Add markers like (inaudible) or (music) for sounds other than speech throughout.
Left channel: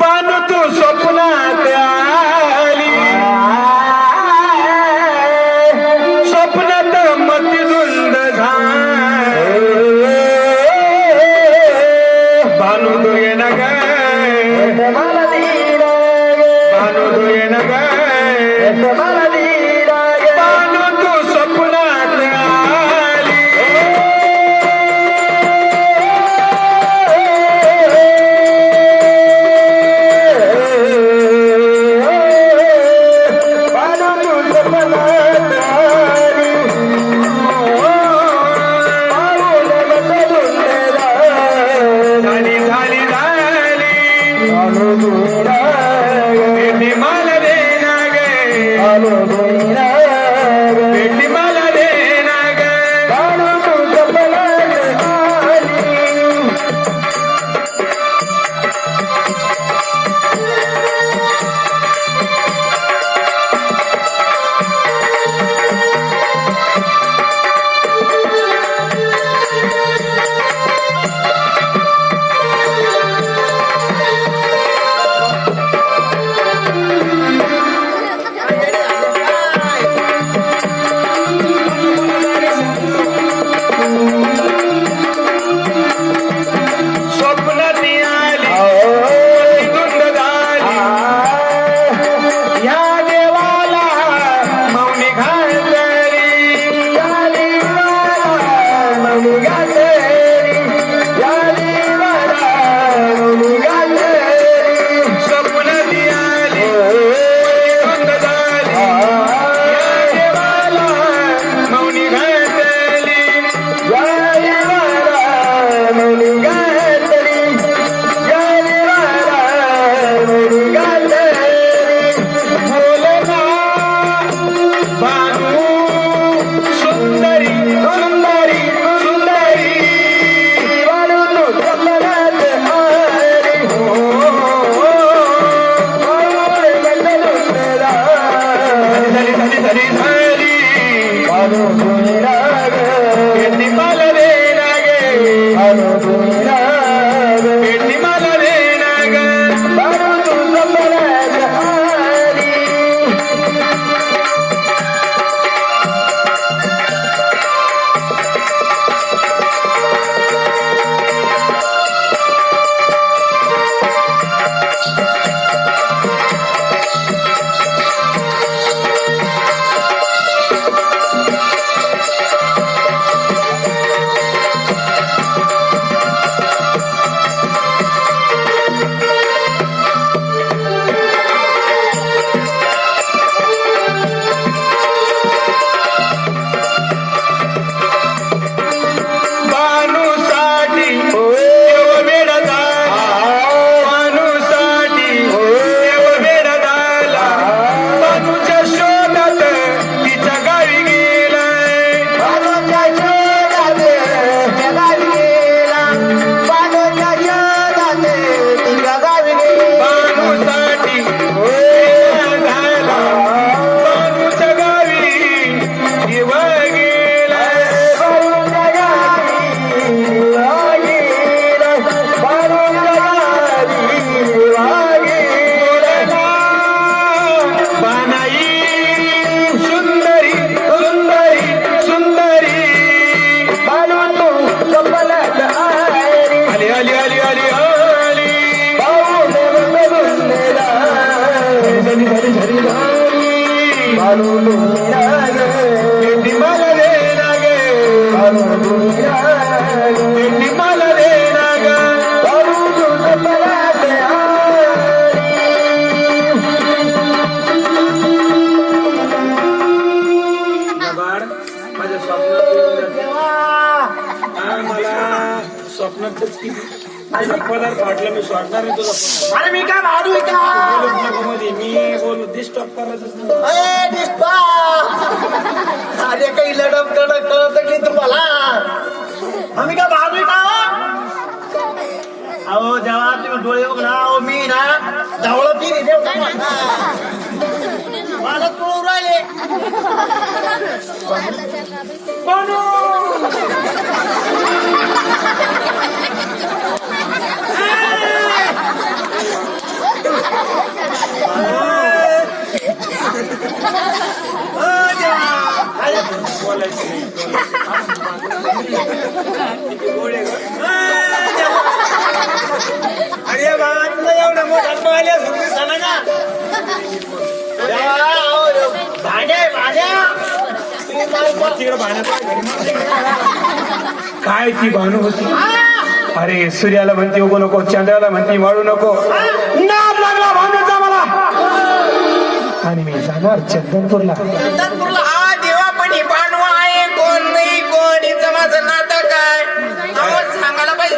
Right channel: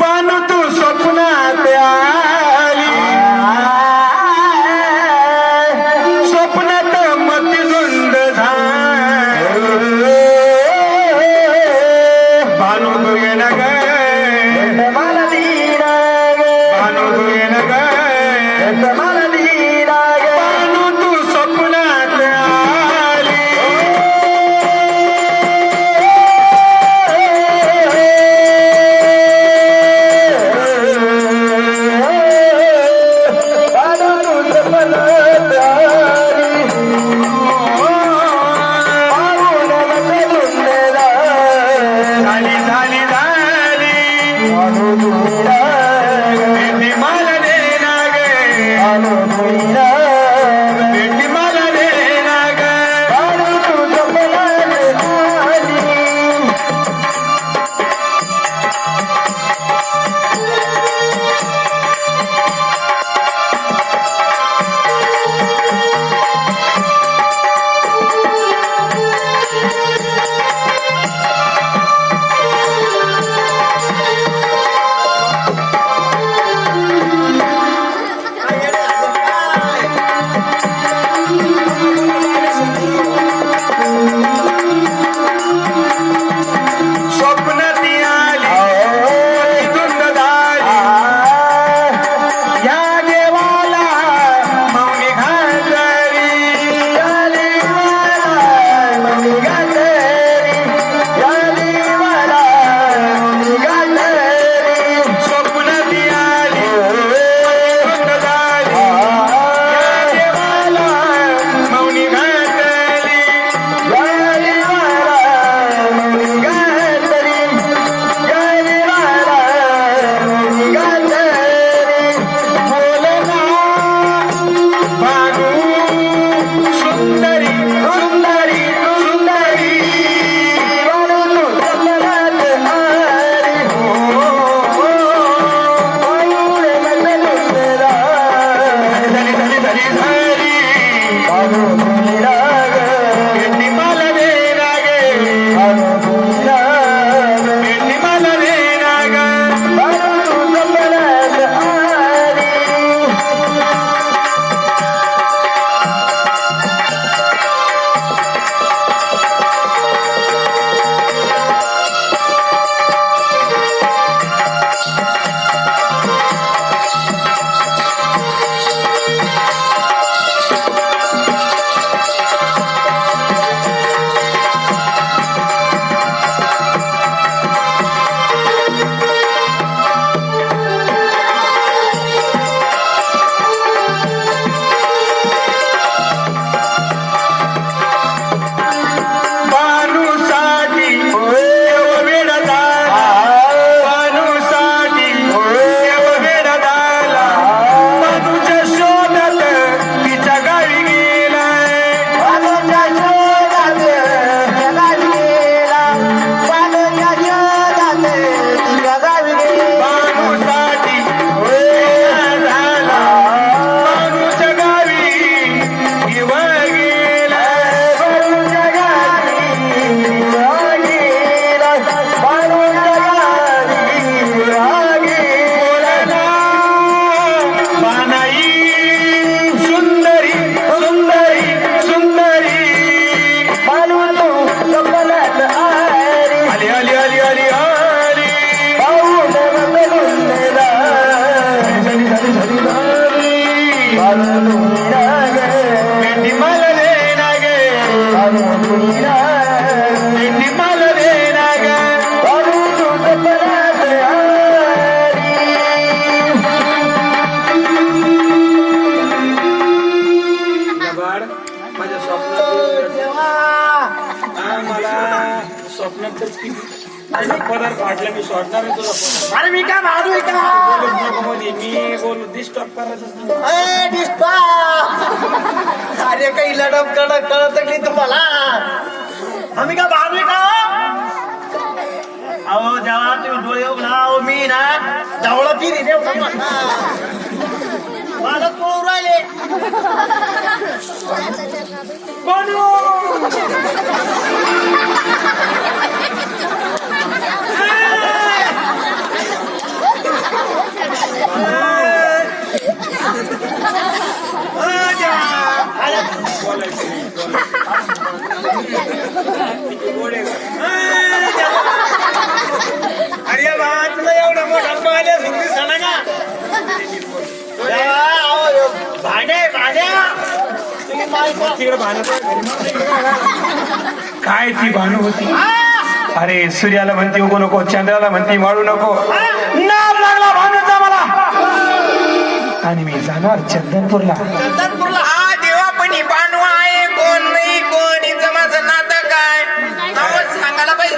पण तू स्वप्नात आली स्वप्नात मती गुंड भानु गुगे नगर भानु गुगे नगर I don't know. वाटलं मी अरे मी काय भाजू का मध्ये मी डिस्टर्ब अरे काही लढत कडक कळत की तुम्हाला. आम्ही काय भागली का अहो जेव्हा तुम्ही डोळे उघडा अहो मी ना धावला की रे देव राहिले कोण काय ती भानु होती अरे सूर्याला म्हणते उगू नको चंद्राला म्हणते माळू नको नाव लागला भानूचा मला आणि मी जाणार चंदनपूरला.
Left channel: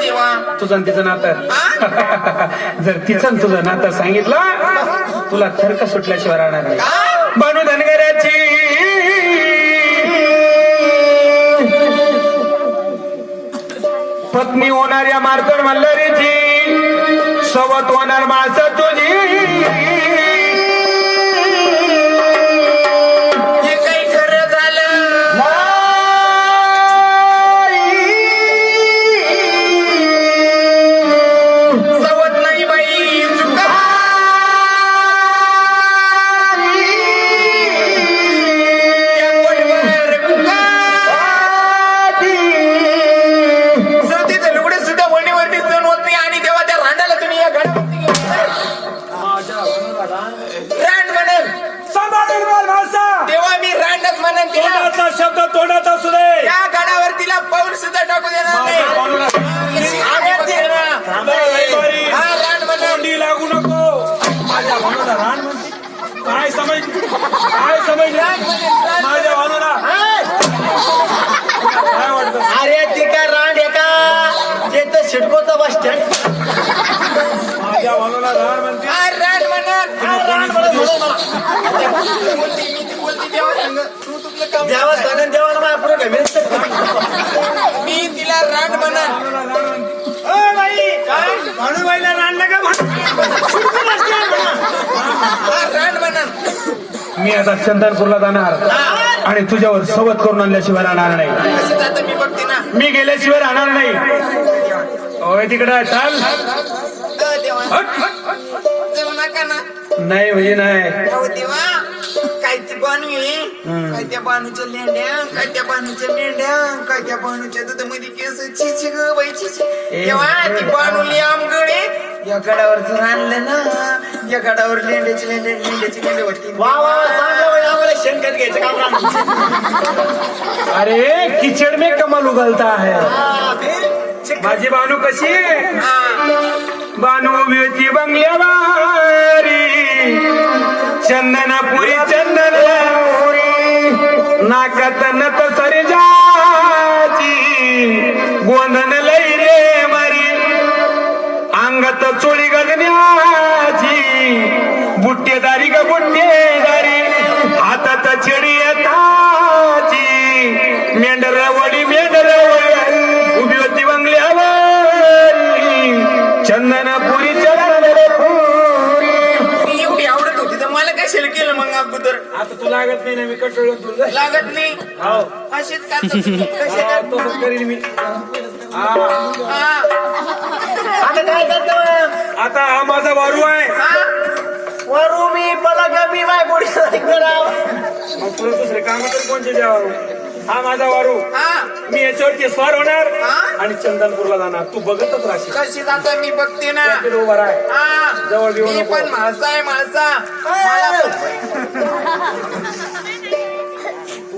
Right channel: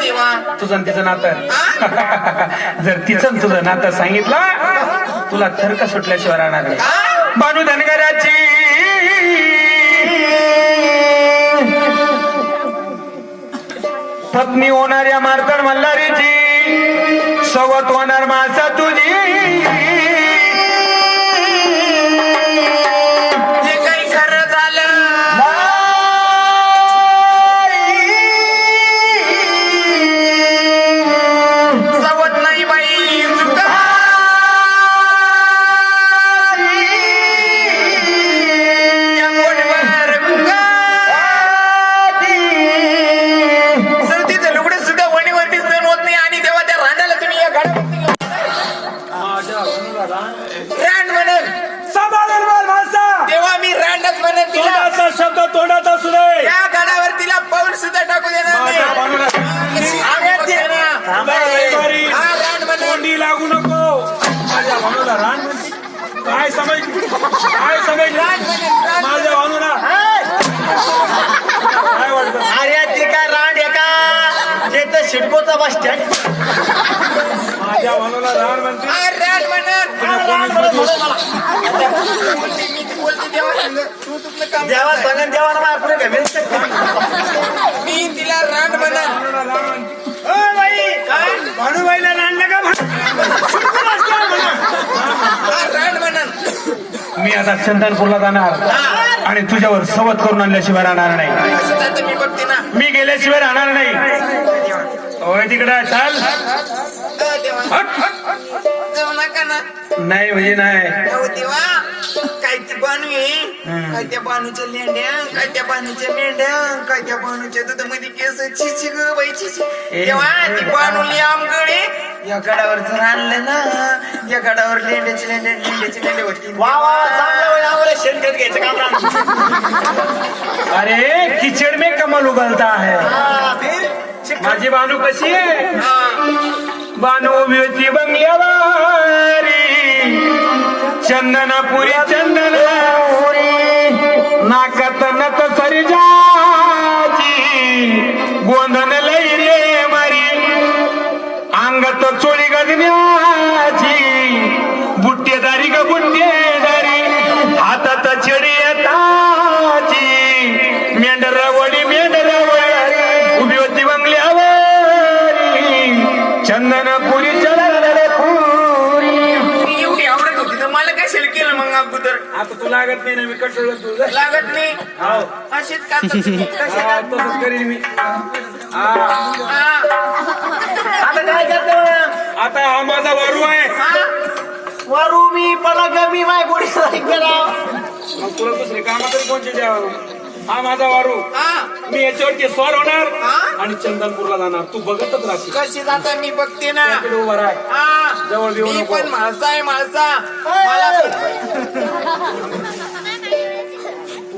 देवा. तुझं आणि तिचं नातं. (laughs) जर तिचं तुझं नातं सांगितलं तुला थरक सुटल्याशिवाय राहणार नाही. बानू धनगराची. पत्नी होणाऱ्या मार्तड मल्हारीची सोबत होणार माणसा तुझी. रांड बोल माणसा तेव्हा मी रांडच म्हणेन तिला. तोंडाचा शब्द तोंडात असू दे. या गडावर तिला पाऊल सुद्धा टाकू देणार नाही. बारी. हा रांड म्हणेन. तोंडी लागू नको. माझ्या भानूला रान म्हणते. काय समज काय समज माझ्या भानूला काय वाटतं? अरे ते का रांड आहे का? ते तर शिडकोचा बस स्टँड. म्हणते. मी ती काम माझ्या पुढे काय तिला रांड म्हणेन नका म्हणू. रांड म्हणेन मी आता चंदनपूरला जाणार आणि तुझ्यावर सवत करून आणल्याशिवाय राहणार नाही. मी गेल्याशिवाय राहणार नाही. होय तिकडे चाल. जाऊ नका ना नाही म्हणजे नाही जाऊ देवा काय ती बानू आहे. काय त्या बानूच्या लेंड्या काय त्या बानूच्या मेंढ्या काय त्या बानूच्या दुधामध्ये केस चिची ग बाई चिची तेव्हा ती बानूली आमगडे या गडावर जर आणलं ना या गडावर लेंड्याची लेंड्या लेंड्याची लेंड्या होती वा वा चांगलं आम्हाला शेणखत घ्यायचं राहणार. अरे किचड़ में कमल उगलता है माझी बानू कशी आहे हा. बानू व्यती बंगल्यावारी चंदनापुरी चंदनापुरी नाकात नक सरजाची गोंधन मला कशाला केलं मग अगोदर आता तू लागत नाही ना मी कंट्रोल तुझं लागत नाही हो हा? तसंच करीन मी हा हा. आता काय करतो मग? आता हा माझा वारू आहे हा. वरू मी पलक मी माय गोडी कराव मग तुला दुसरे काम तर कोणते द्यावं हा माझा वारू हा. मी याच्यावरती स्वार होणार? आणि चंदनपूरला जाणार तू बघतच राहशील कशी जाता मी बघते ना तिकडे उभा राह हा. जवळ नको. पण माणसा आहे माणसा (laughs)